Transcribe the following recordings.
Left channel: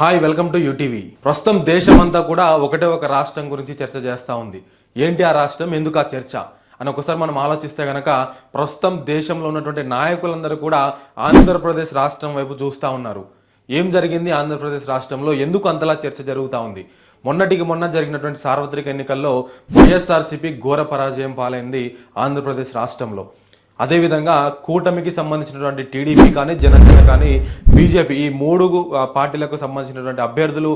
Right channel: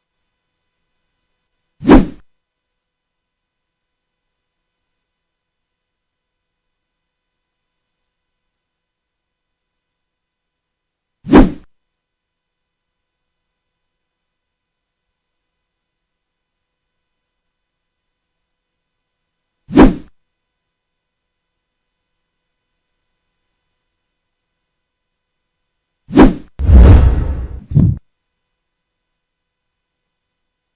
Hi welcome to UTV. ప్రస్తుతం దేశమంతా కూడా ఒకటే ఒక రాష్ట్రం గురించి చర్చ చేస్తూ ఉంది. ఏంటి ఆ రాష్ట్రం, ఎందుకు ఆ చర్చ అని ఒకసారి మనం ఆలోచిస్తే గనక ప్రస్తుతం దేశంలో ఉన్నటువంటి నాయకులందరూ కూడా ఆంధ్రప్రదేశ్ రాష్ట్రం వైపు చూస్తూ ఉన్నారు. ఏం జరిగింది ఆంధ్రప్రదేశ్ రాష్ట్రంలో, ఎందుకు అంతలా చర్చ జరుగుతూ ఉంది? మొన్నటికి మొన్న జరిగినటువంటి సార్వత్రిక ఎన్నికల్లో వైఎస్ఆర్సీపీ ఘోర పరాజయం పాలైంది ఆంధ్రప్రదేశ్ రాష్ట్రంలో. అదేవిధంగా కూటమికి సంబంధించినటువంటి టీడీపీ కానీ, జనసేన కానీ, బీజేపీ ఈ మూడు పార్టీలకు సంబంధించినటువంటి అభ్యర్థులు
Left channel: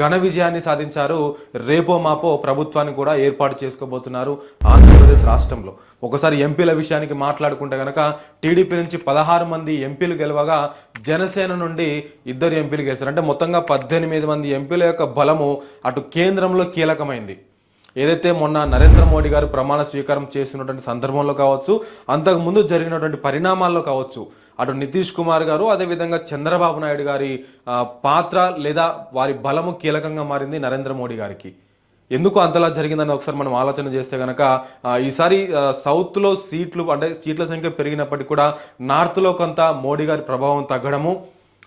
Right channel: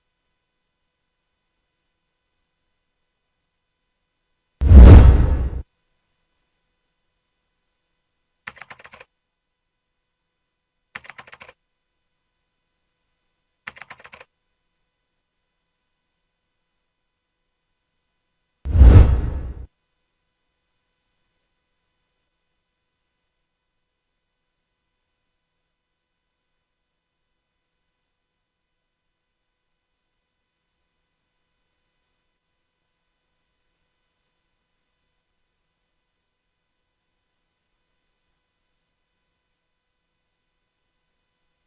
ఘన విజయాన్ని సాధించారు. రేపో మాపో ప్రభుత్వాన్ని కూడా ఏర్పాటు చేసుకోబోతున్నారు ఆంధ్రప్రదేశ్ రాష్ట్రంలో. ఒకసారి ఎంపీల విషయానికి మాట్లాడుకుంటే కనుక టీడీపీ నుంచి 16 మంది ఎంపీలు గెలవగా జనసేన నుండి 2 ఎంపీలు గెలిచారు. అంటే మొత్తంగా 18 మంది ఎంపీల యొక్క బలము అటు కేంద్రంలో కీలకమైంది. ఏదైతే మొన్న నరేంద్ర మోడీ గారు ప్రమాణ స్వీకారం చేసినటువంటి సందర్భంలో కావచ్చు, అంతకుముందు జరిగినటువంటి పరిణామాల్లో కావచ్చు, అటు నితీష్ కుమార్ గారు అదేవిధంగా చంద్రబాబు నాయుడు గారి పాత్ర లేదా వారి బలము కీలకంగా మారింది నరేంద్ర మోడీ గారికి. ఎందుకు అంతలా జరిగిందని ఒకసారి మనం ఆలోచన చేస్తే కనుక ఈసారి సౌత్లో సీట్లు అంటే సీట్ల సంఖ్య పెరిగినప్పటికీ కూడా నార్త్లో కొంత మోడీ గారి ప్రభావం తగ్గడము,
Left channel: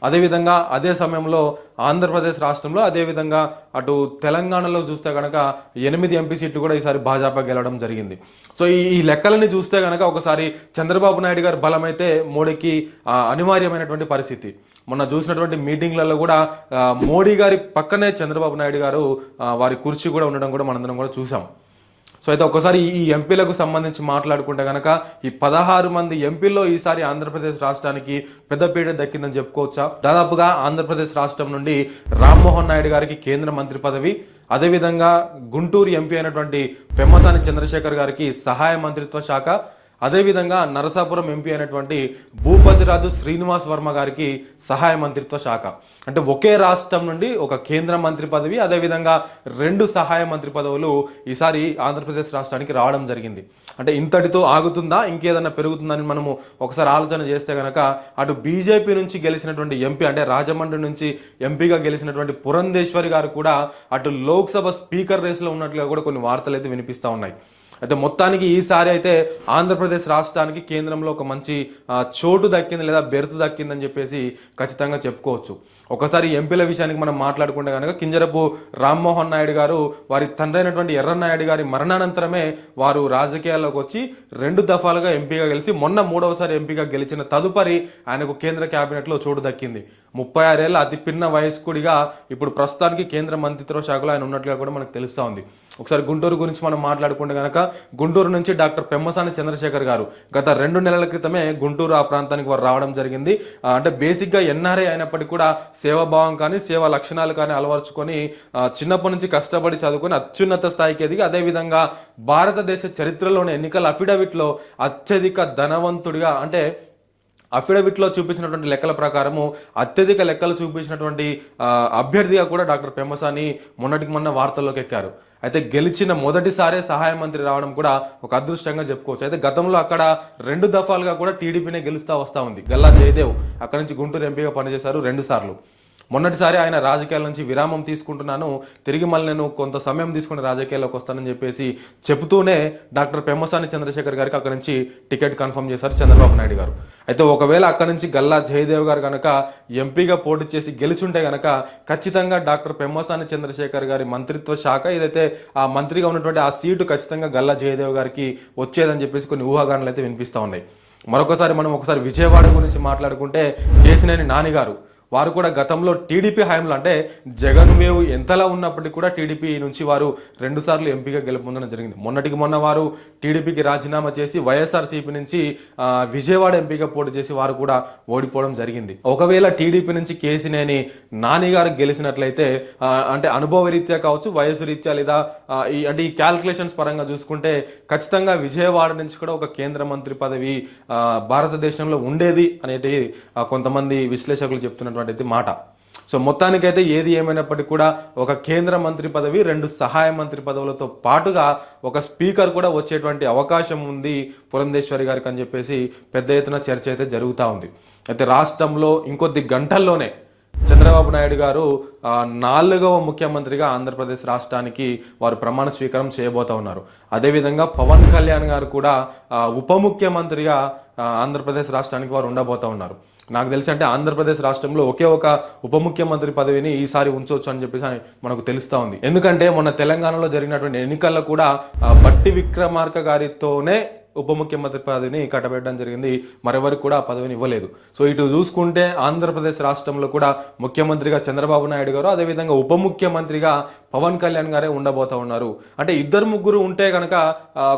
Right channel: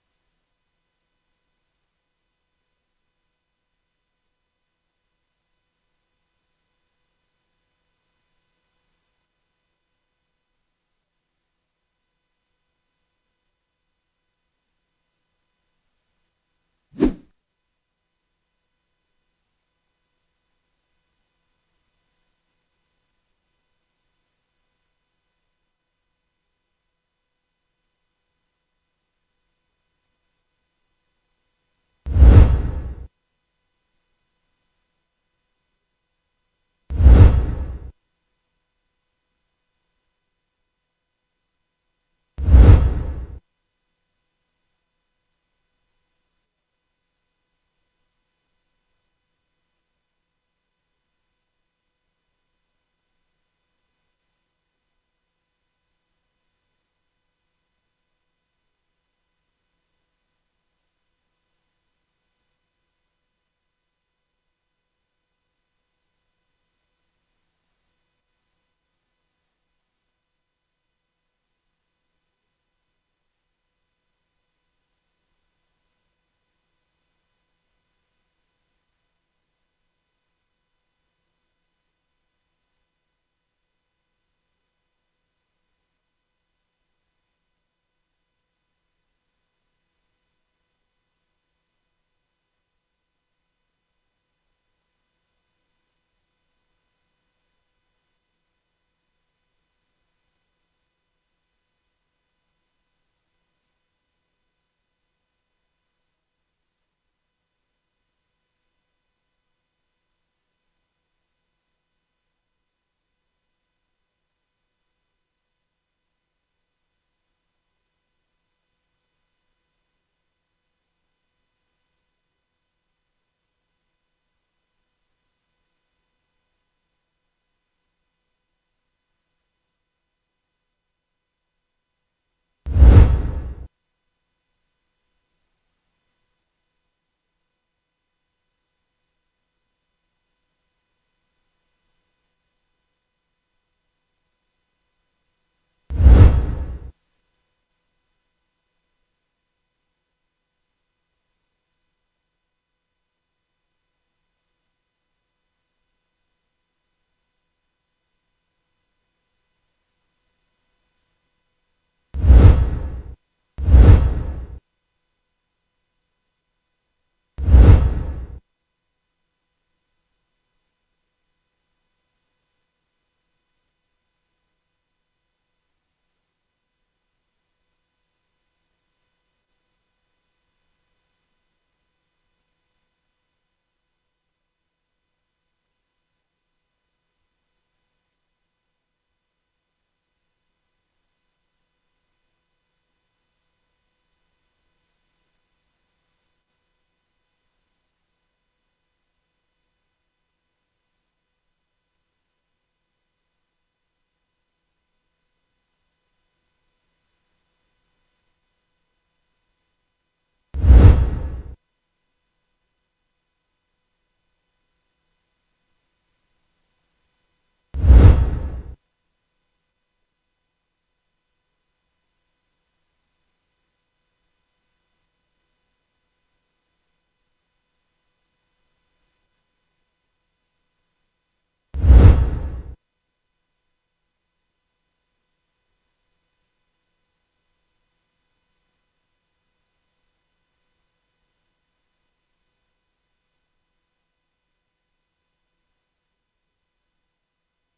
అదేవిధంగా అదే సమయంలో ఆంధ్రప్రదేశ్ రాష్ట్రంలో అదేవిధంగా అటు తెలంగాణలో చూస్తే కనుక 8 ఎంపీ సీట్లు కూడా ఈసారి భాజపా గెలవడం జరిగింది. సో ఈ లెక్కలని చూస్తే కనుక ఒకసారి చంద్రబాబు నాయుడు గారి బలం అయితే మోడీకి అనివార్యమైనటువంటి పరిస్థితి. మొన్న చూసినటువంటి మీటింగ్లలో కూడా మోడీ గారి పక్కనే చంద్రబాబు నాయుడు గారు వారి కుర్చీ కూడా ఉండడం కూడా మనందరం కూడా చూసాం. సో అయితే ఒకసారి ఈ ఎంపీలకు సంబంధించి మాట్లాడుకుంటే కనుక ఈ 16 మంది ఎంపీల్లో ఈసారి ఆంధ్రప్రదేశ్ రాష్ట్రానికి పెద్దపీట దక్కిందని చెప్పుకోవచ్చా. దాదాపుగా ఆంధ్రప్రదేశ్ రాష్ట్రం నుండి రామ్మోహన్ నాయుడు గారికి కేంద్ర మంత్రి పదవి, అదేవిధంగా గుంటూరు ఎంపీ అయినటువంటి పెమ్మసాని చంద్రశేఖర్ గారికి సహాయ మంత్రిత్వ శాఖ, అదేవిధంగా నరసాపురం ఎంపీ అయినటువంటి భూపతిరాజు శ్రీనివాస్ వర్మ గారికి సహాయ మంత్రిత్వ శాఖ. అంటే ఒకే రాష్ట్రం నుండి ఒక కేంద్ర మంత్రి పదవి, అదేవిధంగా 2 సహాయ మంత్రి పదవులు ఈసారి ఆంధ్రప్రదేశ్ రాష్ట్రానికి రావడం జరిగింది. అంటే ఇంతటితో ఆగుతుందా, ఇంకేదన్నా పెరుగుతుందని మనము ఒకసారి ఆలోచన చేస్తే కనుక అటు బీజేపీ నుంచి గెలిచినటువంటి ఎంపీ అంటే రాజమండ్రి నుంచి ఎంపీగా గెలిచినటువంటి పురంధేశ్వరి గారు కూడా అటు లోక్సభ స్పీకర్ రేసులో ఉన్నట్లుగా కూడా కొన్ని వార్తలు అయితే వినిపిస్తూ ఉన్నాయి. అయితే మొత్తానికి ఈసారి అయితే ఆంధ్రప్రదేశ్ రాష్ట్రానికి కేంద్రంలో ఒక మంచి చోటు దక్కింది లేదా బెర్త్ దక్కిందని చెప్పేసి ఖచ్చితంగా చెప్పుకోవచ్చు. ఒకసారి ఎంపీల విషయానికి మనం మాట్లాడుకుంటే కనుక కింజరపు రామ్మోహన్ నాయుడు గారు వారి తండ్రి అయినటువంటి ఎర్రన్నాయుడు గారి మరణానంతరమే వారు రాజకీయాల్లోకి వచ్చి 2 దఫాలుగా ఎంపీగా గెలిచి మొన్న 3వసారి ఎంపీగా గెలిచిన తదుపరి ఆయనకు కేంద్ర కేబినెట్లో చోటు దక్కింది. 36 ఏళ్ల అతి పిన్న వయస్కుడిగా ఇప్పుడు ప్రస్తుతానికి కేంద్ర మంత్రిత్వ శాఖలో ఆయన ఉన్నట్లుగా కూడా మనకు తెలుస్తూ ఉంది. ఒకసారి గుంటూరు గురించి మనం మాట్లాడుకుంటే కనుక గుంటూరు నుంచి డాక్టర్ పెమ్మసాని చంద్రశేఖర్ గారు గత 2 నెలల క్రితమే గుంటూరు ఆ ప్రాంతానికి వారు రావడం జరిగింది. అంటే బేసిక్గా ఎన్ఆర్ఐ అయినప్పటికీ కూడా సేవాభావం కానీ సేవా లక్షణాలు కానీ అలవర్చుకొని చిన్నప్పటి నుంచి కష్టపడి చదువుకొని అత్యున్నత స్థాయికి ఎదిగి అదేవిధంగా భారతదేశ చరిత్రలోని ఎన్నికల అఫిడవిట్లో అత్యధిక ధనవంతుడిగా అంటే అఫిడవిట్లో చూపించినటువంటి లెక్కల ప్రకారము అత్యధిక లెక్కలు చూపించినటువంటి అభ్యర్థిగా కూడా డాక్టర్ పెమ్మసాని మొన్నటికి మొన్న వార్తల్లోకి ఎక్కారు. అయితే గెలిచిన మొదటిసారే సహాయ మంత్రి రావడం కూడా ఒక అదృష్టంగా చెప్పుకోవచ్చు. అయితే గతంలో అక్కడ 2 దఫాలుగా కూడా టీడీపీనే గెలుస్తూ వస్తూ ఉంది. గల్లా జయదేవ్ అక్కడ నుంచి గుంటూరు ఎంపీగా పనిచేశారు 2 సార్లు. మొన్నటిసారి ఆయన రాజకీయాల నుంచి విరామం తీసుకుంటున్నాను, తిరిగి మళ్ళీ నేను కొంత సమయం తీసుకుని రాజకీయాల్లోకి వస్తానని చెప్పేసి చెబుతూనే డాక్టర్ పెమ్మసాని చంద్రశేఖర్ గారికి అక్కడ నుంచి టికెట్ కన్ఫర్మ్ చేశారు చంద్రబాబు నాయుడు గారు. అయితే ఒకవేళ అక్కడ నుంచి గల్లా జయదేవ్ గారు కనుక ఎంపీగా పోటీ చేసి గెలిచుంటే కనుక ఖచ్చితంగా డాక్టర్ పెమ్మసాని చంద్రశేఖర్ గారి మంత్రిత్వ శాఖ ఏదైతే ఆ మంత్రిగా ఉన్నటువంటి ఆ సీటు ఖచ్చితంగా గల్లా జయదేవ్ గారికి వచ్చేదని చెప్పేసి కొన్ని ఊహాగానాలు అయితే వినిపిస్తూ ఉన్నాయి. మరొకసారి మనం ఒకసారి విజయవాడ గురించి మాట్లాడుకుంటే కేసినేని నాని గారు వారు కూడా గతంలో టీడీపీ హయాంలో అంటే జగన్ వేవ్ ఎంతలా ఉన్నప్పటికీ కూడా టీడీపీ నుంచి వారు 2 సార్లు ఎంపీగా గెలుపొందడం జరిగింది. మొన్నటికి మొన్న వారు టీడీపీకి రాజీనామా చేసి వైఎస్ఆర్సీపీ నుంచి విజయవాడ ఎంపీగా పోటీ చేసి వారు కూడా ఓడిపోవడం జరిగింది. ఒకవేళ టీడీపీ నుంచి కేసినేని నాని గారు గెలిచినట్లయితే అంటే అనుభవ రీత్యా కావచ్చు, వయసు రీత్యా లేదా అంటే ఈ క్యాల్కులేషన్స్ పరంగా చూసుకుంటే ఖచ్చితంగా విజయవాడ నుంచి కూడా ఒక కేంద్ర మంత్రి పదవి భారతదేశంలో ఉండేది అనేది కొంతమంది విశ్లేషకులు చెప్తున్నటువంటి మాట. సో మొత్తానికైతే ఏది ఏమైనప్పటికీ కూడా ఒక కేంద్ర మంత్రి పదవి, 2 సహాయ మంత్రి పదవులతో పాటుగా ఒక స్పీకర్ కూడా వచ్చేటువంటి అవకాశం ఉంది పురంధేశ్వరి గారికి అని చెప్పేసి పెద్ద ఎత్తున చర్చ అయితే జరుగుతూ ఉంది. అయితే రాష్ట్రంలో ఇంకొద్ది గంటల్లోనే చంద్రబాబు నాయుడు గారు 4వ ముఖ్యమంత్రిగా ఆంధ్రప్రదేశ్ రాష్ట్రానికి వారు ప్రమాణ స్వీకారం చేయబోతా ఉన్నారు. అదేవిధంగా పవన్ కళ్యాణ్ గారు కూడా ఉప ముఖ్యమంత్రిగా ఆంధ్రప్రదేశ్ రాష్ట్రానికి వారు ఉండబోతా ఉన్నారు. నాకు తెలిసి అంటే ఆంధ్రప్రదేశ్ రాష్ట్రంలో ఒకే ఒక ఉప ముఖ్యమంత్రి పదవిని ఈసారి ఉంచవచ్చు అని చెప్పేసి మనకు తెలుస్తా ఉంది. ఎందుకంటే మొన్న తెలంగాణలో జరిగినటువంటి ఎన్నికల్లో కూడా బట్టి విక్రమార్క గారితోనే ఉప ముఖ్యమంత్రి పదవిని కట్టబెట్టడం జరిగింది. మరెవరికి కూడా ఆ పదవిని ఇవ్వలేదు. సో ఇటు చూసుకుంటే ఆంధ్రప్రదేశ్ రాష్ట్రంలో కూడా ముఖ్యమంత్రిగా చంద్రబాబు నాయుడు గారు, అదేవిధంగా ఉప ముఖ్యమంత్రిగా పవన్ కళ్యాణ్ గారే ఉండబోతా ఉన్నారు. అంటే ఇద్దరు ముగ్గురు ఉంటే కనుక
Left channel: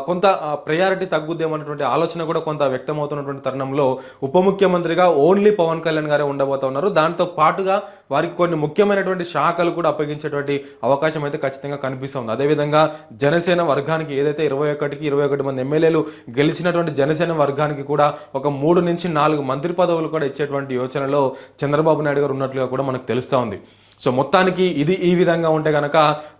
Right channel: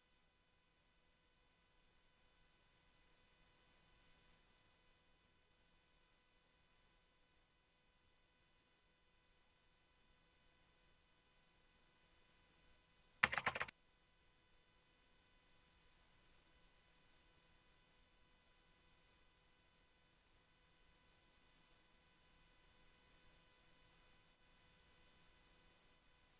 కొంత ప్రయారిటీ తగ్గుద్దేమన్నటువంటి ఆలోచన కూడా కొంత వ్యక్తమవుతున్నటువంటి తరుణంలో ఉప ముఖ్యమంత్రిగా ఓన్లీ పవన్ కళ్యాణ్ గారే ఉండబోతా ఉన్నారు. దాంతో పాటుగా వారికి కొన్ని ముఖ్యమైనటువంటి శాఖలు కూడా అప్పగించేటువంటి అవకాశం అయితే ఖచ్చితంగా కనిపిస్తుంది. అదేవిధంగా జనసేన వర్గానికి ఏదైతే 21 మంది ఎమ్మెల్యేలు గెలిచినటువంటి జనసేన వర్గానికి కూడా ఒక 3 నుంచి 4 మంత్రి పదవులు కూడా ఇచ్చేటువంటి యోచనలో చంద్రబాబు నాయుడు గారు ఉన్నట్లుగా కూడా మనకు తెలుస్తూ ఉంది. సో మొత్తానికి ఇది ఈ విధంగా ఉంటే కనుక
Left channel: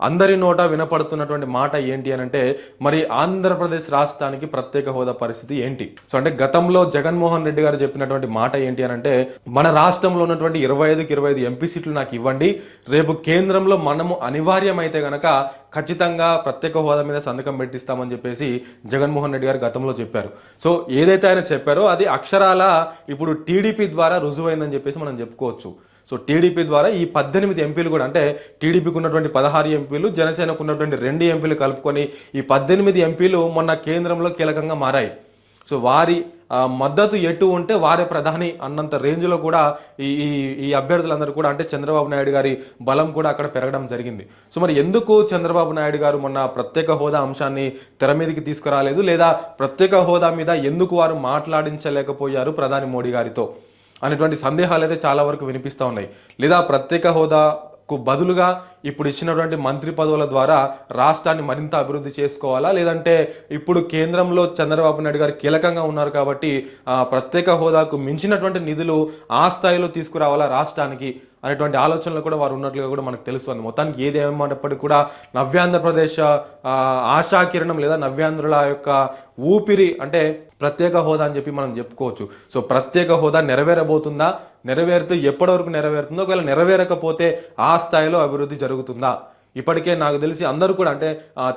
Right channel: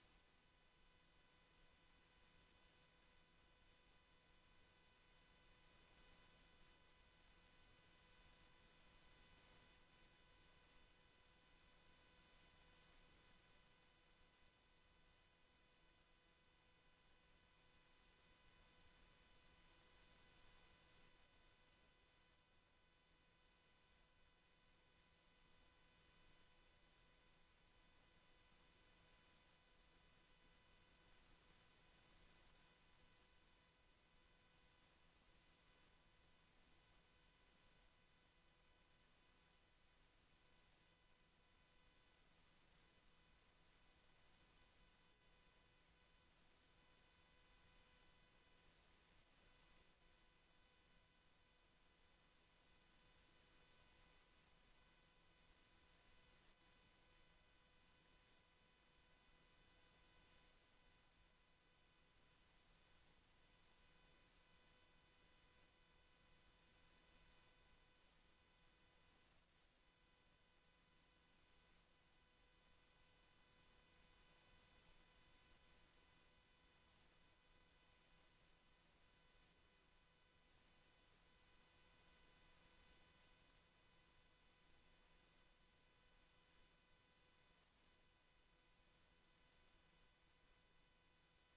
అందరి నోట వినపడుతున్నటువంటి మాట ఏంటి అని అంటే, మరి ఆంధ్రప్రదేశ్ రాష్ట్రానికి ప్రత్యేక హోదా పరిస్థితి ఏంటి? సో అంటే గతంలో జగన్మోహన్ రెడ్డి గారు చెప్పినటువంటి మాట ఏంటి అని అంటే, మన రాష్ట్రంలో ఉన్నటువంటి 25కి 25 ఎంపీ సీట్లు నాకు ఇవ్వండి, రేపు కేంద్రంలో మనము అనివార్యమైతే గనక ఖచ్చితంగా ప్రత్యేక హోదా మీద సంతకం పెట్టిస్తామని చెప్పేసి జగన్మోహన్ రెడ్డి గారు గతంలో చెప్పారు. సో ఏదైతే ఆయన చెప్పారో అది అక్షరాల ఇప్పుడు టీడీపీ ద్వారా రుజువైందని చెప్పేసి మనం చెప్పుకోవచ్చు. సో టీడీపీ ద్వారా ఈ 18 ఎంపీలు కూడా, అంటే టీడీపీకి ఉన్నటువంటి 16 ఎంపీలు, జనసేనకు ఉన్నటువంటి 2 ఎంపీలు కలుపుకొని ఈ 18 ఎంపీలు మొన్న కేంద్రంలో కీలకంగా మారాయి. సో వారి మద్దతు ఎటు ఉంటే వారే ప్రధాని అన్నంత రేంజ్లో కూడా ఈ ఈ అభ్యర్థులందరూ కూడా, అంటే చంద్రబాబు నాయుడు గారి బలం కూడా అక్కడ పెరగడం జరిగింది. సో మరి ఎందుకు చంద్రబాబు నాయుడు గారు మొన్న ప్రత్యేక హోదా అంశాన్ని తెర మీదకి తీసుకురాలేదు, లేదా ప్రత్యేక హోదా మీద ఎందుకు వారు మాట్లాడించలేకపోయారు ప్రధాని మోడీ గారితో అనేటువంటి సందేహాలు అయితే చాలా వరకు వినిపిస్తూ ఉన్నాయి. లేదా ప్రత్యేక హోదాకు బదులుగా ఇప్పుడు ఇచ్చినటువంటి మంత్రి పదవుల ద్వారా రాష్ట్రాన్ని మరింత అభివృద్ధి చేసుకోవాలా, లేదంటే ఇప్పుడు కేంద్రంలో చంద్రబాబు నాయుడు గారు కీలకంగా ఉన్నారు కాబట్టి ప్రత్యేక హోదాకు మించినటువంటి నిధులు ఆ స్థాయిలో తీసుకురావాలా రాష్ట్రానికి అనేటువంటి ఆలోచనలు కూడా వారు ఉన్నట్లుగా కూడా మనకు తెలుస్తుంది. మొత్తానికి ఏది ఏమన్నప్పటికీ కూడా నవ్యాంధ్రప్రదేశ్ ఆశాకిరణం లేదా నవ్యాంధ్రుల యొక్క ఊపిరి అంటే ప్రత్యేక హోదా అని చెప్పి మనం చెప్పుకోవచ్చు. సో ప్రత్యేక హోదా నెరవేరబోతుందా, నెరవేరుతూ ఎప్పటి వరకు నెరవేరుతుందో, ఒకవేళ నెరవేరకపోతే ఆ స్థాయిలో అభివృద్ధి జరుగుతుందా? ఇప్పటికే నాకు తెలిసి అందరూ కూడా, అంటే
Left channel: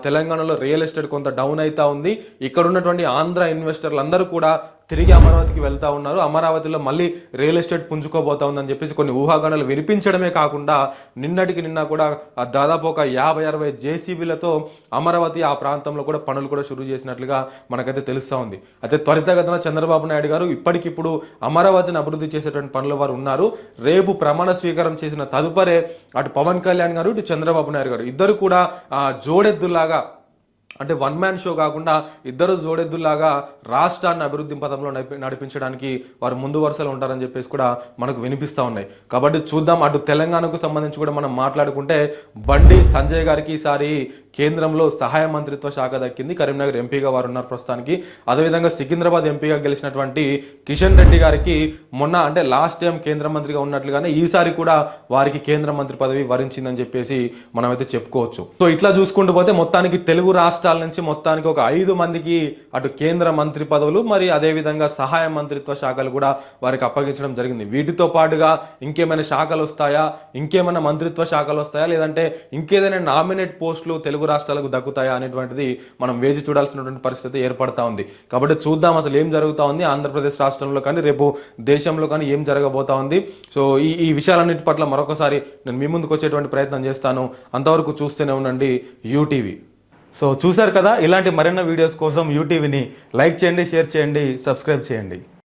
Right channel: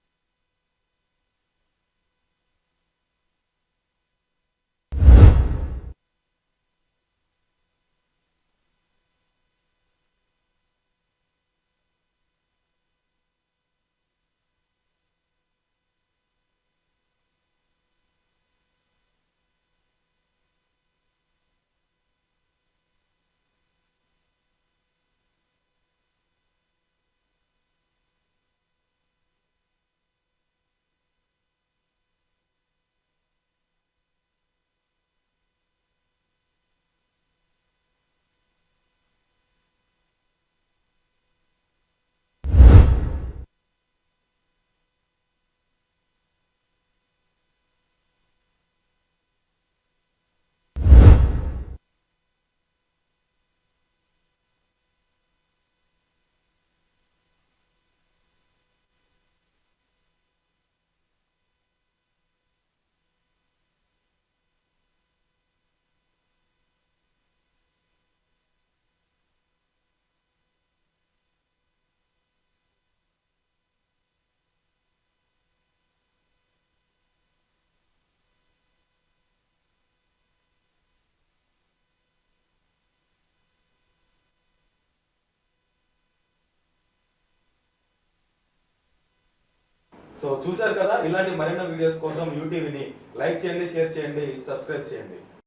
తెలంగాణలో రియల్ ఎస్టేట్ కొంత డౌన్ అవుతా ఉంది. ఇక్కడ ఉన్నటువంటి ఆంధ్ర ఇన్వెస్టర్లు అందరూ కూడా తిరిగి అమరావతికి వెళ్తా ఉన్నారు. అమరావతిలో మళ్ళీ రియల్ ఎస్టేట్ పుంజుకోబోతా ఉందని చెప్పేసి కొన్ని ఊహాగానాలు వినిపించడమే కాకుండా నిన్నటికి నిన్న కూడా దాదాపు ఒక 50-60 జేసీబీలతో అమరావతి ఆ ప్రాంతంలో కూడా పనులు కూడా షురూ చేసినట్లుగా మనకైతే తెలుస్తూ ఉంది. అయితే త్వరితగతిన చంద్రబాబు నాయుడు గారు ఇప్పటికిప్పుడు అమరావతిని అభివృద్ధి చేసేటువంటి పనులు వారు ఉన్నారు. రేపు ప్రమాణ స్వీకారం చేసిన తదుపరే అటు పవన్ కళ్యాణ్ గారు, ఇటు చంద్రబాబు నాయుడు గారు ఇద్దరు కూడా జోడెద్దులాగా, అంటే వన్ మ్యాన్ షో కాకుండా ఇద్దరు జోడెద్దులాగా రాష్ట్రాన్ని అభివృద్ధి పథంలో నడిపించడానికి వారు ముందు వరుసలో ఉంటారని చెప్పేసి కూడా మనకు వినిపిస్తూ ఉన్నాయి. కాబట్టి చూద్దాం. అటు తెలంగాణకు సంబంధించి కూడా మనం మాట్లాడుకుంటే బండి సంజయ్ గారికి ఈసారి కేంద్రంలో సహాయ మంత్రిత్వ శాఖ దక్కింది. కరీంనగర్ ఎంపీగా వారు ఉన్నారు ప్రస్తుతానికి. అదేవిధంగా సికింద్రాబాద్ ఎంపీగా గెలిచినటువంటి కిషన్ రెడ్డి గారికి మొన్న, అంటే లాస్ట్ టైం కేంద్ర మంత్రిగా ఉన్నట్లుగానే ఈసారి కూడా వారికి కేంద్ర మంత్రి పదవి వరించిందని చెప్పేసి మనమైతే చెప్పుకోవచ్చు. సో ఇట్లా చూసుకుంటూ పోతే మొత్తానికి తెలుగు రాష్ట్రాల నుంచి మొత్తానికి ఒక 5 మందికి అటు కేంద్ర మంత్రి పదవులు, మరి అదేవిధంగా సహాయ మంత్రిత్వ శాఖలు కూడా వారికి అప్పగించడం జరిగింది. వీటితో పాటుగా ఇంకేమైనా శాఖలు వస్తాయా, ఇంకేమైనా మంత్రిత్వ శాఖలు వస్తాయా, లేదంటే ఇంకేదైనా నామినేట్ పోస్టులు తెలుగు రాష్ట్రాలకు దక్కుతాయా అనేటువంటిది మనం వేచి చూడాల్సినటువంటి పరిస్థితి ఏర్పడతా ఉంది. కాబట్టి చూద్దాం అసలు ఏం జరుగుతూ ఉంది ఆంధ్రప్రదేశ్ రాష్ట్రంలో కానీ రేపు దేశంలో కానీ ఏం జరగబోతా ఉంది. సో ఈ విషయాలన్నిటి పట్ల మరొకసారి నేను మీ ముందుకు వచ్చేటువంటి ప్రయత్నం చేస్తాను. అంతవరకు చూస్తూనే ఉండండి యూటీవీ. సో చూశారు కదా, ఇలాంటి మరిన్ని వీడియోస్ కోసం యూటీవీని లైక్ చేయండి, షేర్ చేయండి, సబ్స్క్రైబ్ చేయండి.